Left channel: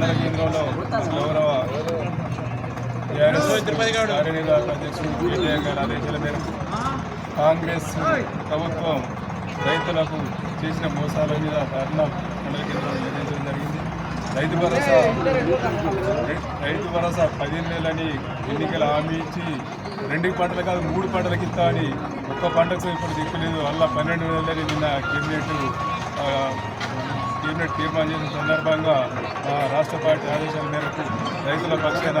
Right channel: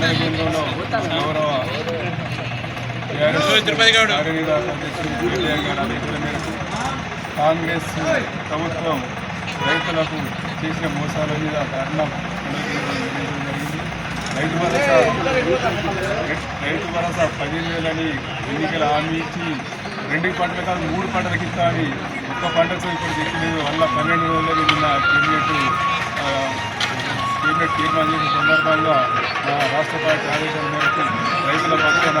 మండల కేంద్రంలో గౌరవ మేరకు కాంగ్రెస్ ప్రభుత్వం రైతులకు చేసిన మోసాల మీద కారణం మండల కేంద్రంలో నిర్ణయించడం జరిగింది రైతు భరోసా రైతు భరోసా పదిహేను వేలని ఎన్నికల హామీ ఇచ్చి రెండు పంటలు కాదు మూడు పంటలకు ఇస్తా అని ఒక్క పంటతో ఇప్పుడు తెచ్చలేదు వల్ల పన్నెండు వేలని నిన్న కేబినెట్ కేబినెట్ తీర్మానం చేసిన సందర్భంగా ఆ, రాష్ట్ర పార్టీ ఆదేశం మేరకు రైతుల పక్షాన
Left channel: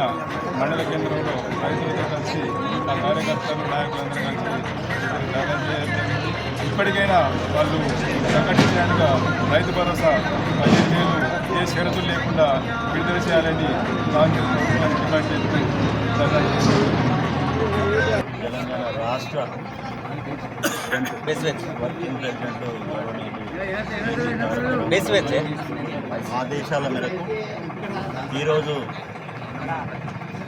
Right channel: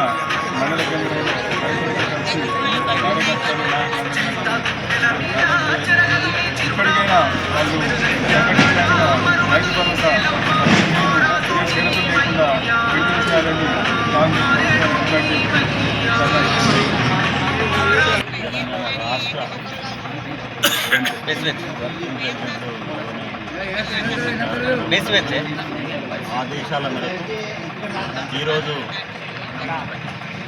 మండల కేంద్రంలో రైతులతో కలిసి కార్యకర్తలు ఇప్పటికైనా వాళ్ళు ప్రకటించినట్టుగా రైతు భరోసా ఏ షరతులు లేకుండా విడుదల చేయాలని కాంగ్రెస్ ప్రభుత్వం తెలంగాణ రాష్ట్ర ప్రెసిడెంట్ వర్కింగ్ ప్రెసిడెంట్ ఆదేశాల మేరకు ఈరోజు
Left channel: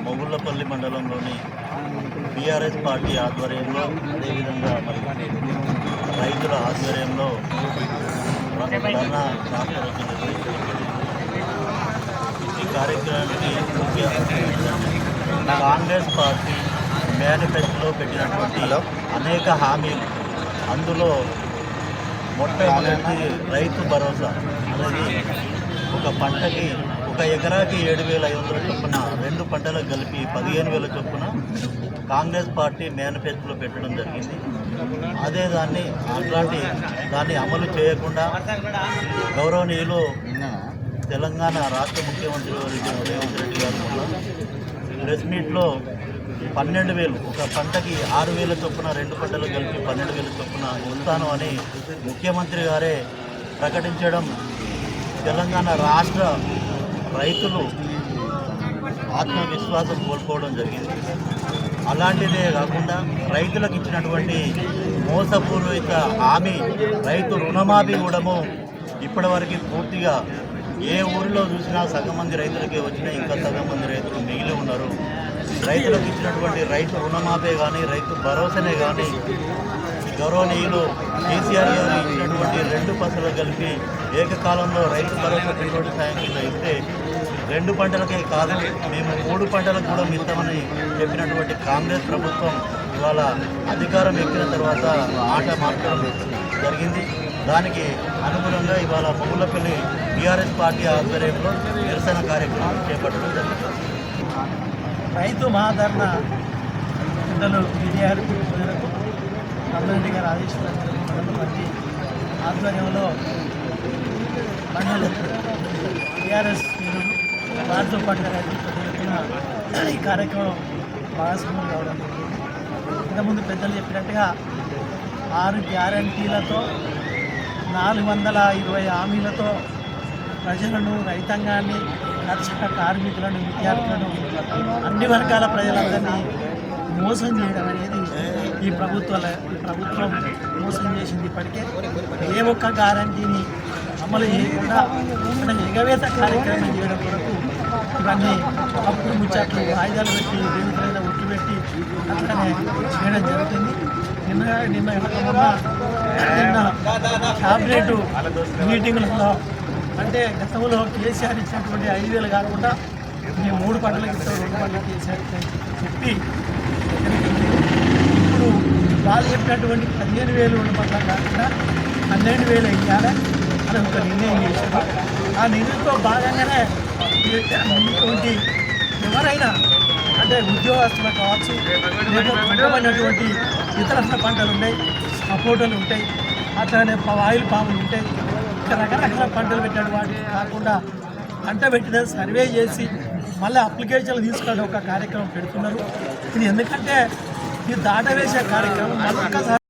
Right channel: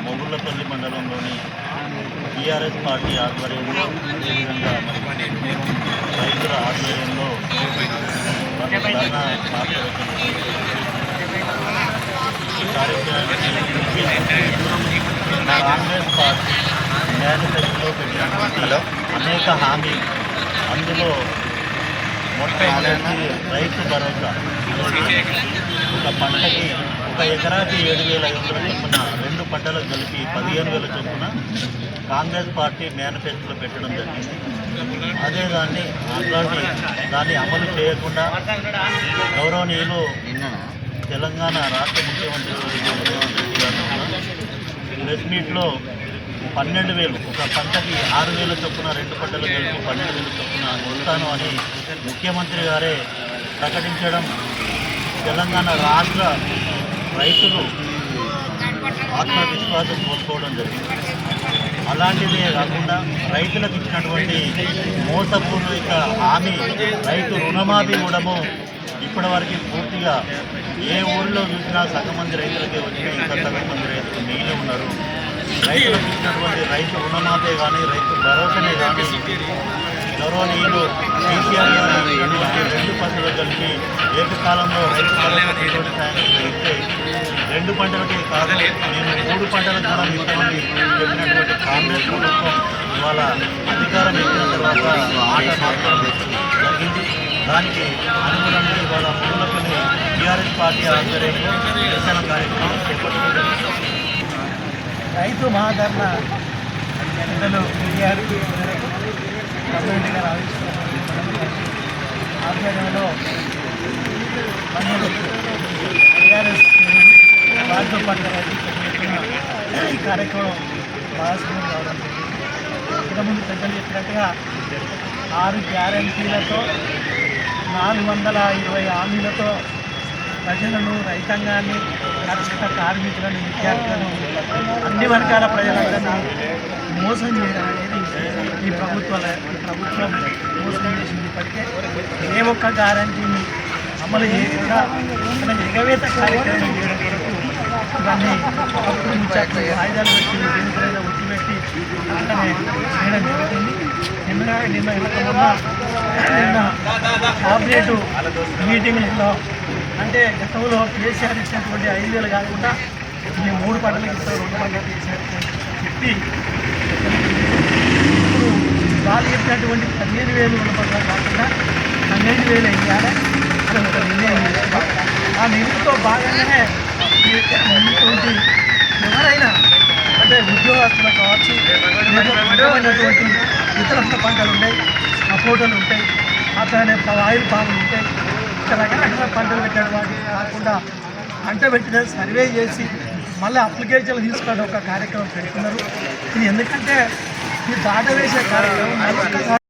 మొగుళ్ళపల్లి మండలంలోని టీఆర్ఎస్ పార్టీ ఆధ్వర్యంలో అదేవిధంగా మరి రైతుల ఆధ్వర్యంలో ధర్నా ఈ కార్యక్రమానికి ముఖ్య కాంగ్రెస్ పార్టీ మేనిఫెస్టోలో పెట్టినటువంటి అనేక హామీలు. అందులో మొట్టమొదటి రైతు భరోసా. అనేది ఒక పంటకి ఒక ఎకరాకి ఏడు వేల ఐదు వందల చొప్పున రెండు పంటలకు కలిపి పదిహేను వేల చొప్పున కాంగ్రెస్ పార్టీ మేనిఫెస్టోలో పెట్టడం జరిగింది. అదే దాన్ని అట్లాంటి దాన్ని అమలు చేయకుండా గౌరవనీయులు తెలంగాణ రాష్ట్ర ముఖ్యమంత్రి రేవంత్ రెడ్డి గారు ప్రెస్ మీట్లో పన్నెండు వేలు ఒక పంటకి ఆరు వేల చొప్పున రెండు పంటలు కలిపి పన్నెండు వేల చొప్పున ఇస్తాను అని ముఖ్యమంత్రి గారే ప్రకటించడం తెలంగాణ రాష్ట్ర రైతులు ఆత్మవిశ్వాసం కోల్పోవడం జరిగింది. అలాంటిదే కాకుండా రైతులకు ఇచ్చినటువంటి మోసపూర్వక హామీ రైతు రుణమాఫీ కూడాము ఇప్పటివరకు పూర్తిగా ఏ ఊరిలో చూసినా సగం మంది రైతులకి వచ్చినా ఇంకా సగం మంది రైతులు మిగిలి ఉన్నారు. రైతులకు ఇచ్చినటువంటి రైతు రుణమాఫీ కానీ రైతు భరోసానే కానీ గౌరవనీయులు కేసీఆర్ గారు ఇచ్చినటువంటి రెండు పంటలు కలిపి ఏకకాలంలో రైతు భరోసా పెట్టుబడి సాయం ఇస్తే రెండు పంటలకే కాదు నేను మూడు పంటలకు కూడా మిగతామని చెప్పినటువంటి కాంగ్రెస్ ప్రభుత్వం ఇవాళ అధికారం ఎక్కిన తర్వాత ఆట మార్చడం జరిగింది. దానికి అనుగుణంగా ఇవాళ మునులపల్లి టీఆర్ఎస్ పార్టీ ఆధ్వర్యంలో నిరసన కార్యక్రమం చేపట్టడం రైతు మహాధర్మ పెద్దలు గారి మేరకు గవర్నమెంట్ గారు ఆవిష్కరణ ఆధ్వర్యంలో టీఆర్ఎస్ వారితో పాటు ఈ కార్యక్రమం భాగస్వామ్యం కావడం జరిగింది. ఇంతకుముందు పెద్దలు చెప్పినట్టుగా ఆరు గ్యారంటీలతో నాలుగు వందల ఇరవై హామీలతో ప్రజలను రైతాంగాన్ని కర్షక కార్మికులను విద్యార్థులను అన్ని వర్గాల ప్రజలందరినీ మోసం చేయడం అనేది ఈ ప్రభుత్వాల ఈ ప్రభుత్వం మోసం చేసింది ఇప్పటికే. ఏ ఒక్క గ్యారంటీని అమలు చేయకుండా ఎగవేత కార్యక్రమం చేయడం కొరకు ఇవన్నీ కప్పులు ముచ్చట్లు ఆయుధాలు పెట్టి దేనికైనా ఉట్టి పెట్టి అట్లనే చేయడం జరుగుతుంది. నిన్న నిన్న వెనక మొన్న నిన్న క్యాబినెట్ మీటింగ్లలో అంటే గతంలో కేసీఆర్ ఇచ్చినటువంటి ఐదు వేలు కాకుండా ఈ మూడు పంటలకు ఇస్తారు రెండు పంటలకు కేసీఆర్ చెప్పి ఇప్పుడు వాళ్ళు చెప్పినటువంటి పదిహేను వేలు రెండు పంటలకు కాకుండా పన్నెండు వేలు వేయాలి అని ఒక నిర్ణయం చేస్తున్నాం ఆ నిర్ణయంతో భాగంగానే ఎవరైనా అంటే ఉద్యోగస్తులు కావచ్చు లేకపోతే ఇతర పంటలు ఉంటాయి సపోటలు ఉంటాయి అట్లనే ఆయిల్ పాములు ఉంటాయి ఇక రకరకాల పంటలు పెట్టాడు వాటికి కాకుండా పంట పెట్టిన సర్వే చేసి మళ్ళీ అప్లికేషన్లు తీసుకోవడం ఒక కార్యక్రమం పెడుతున్నారు. ఇది ఎందుకంటే ఈ దాట వేసే కార్యక్రమం మళ్ళీ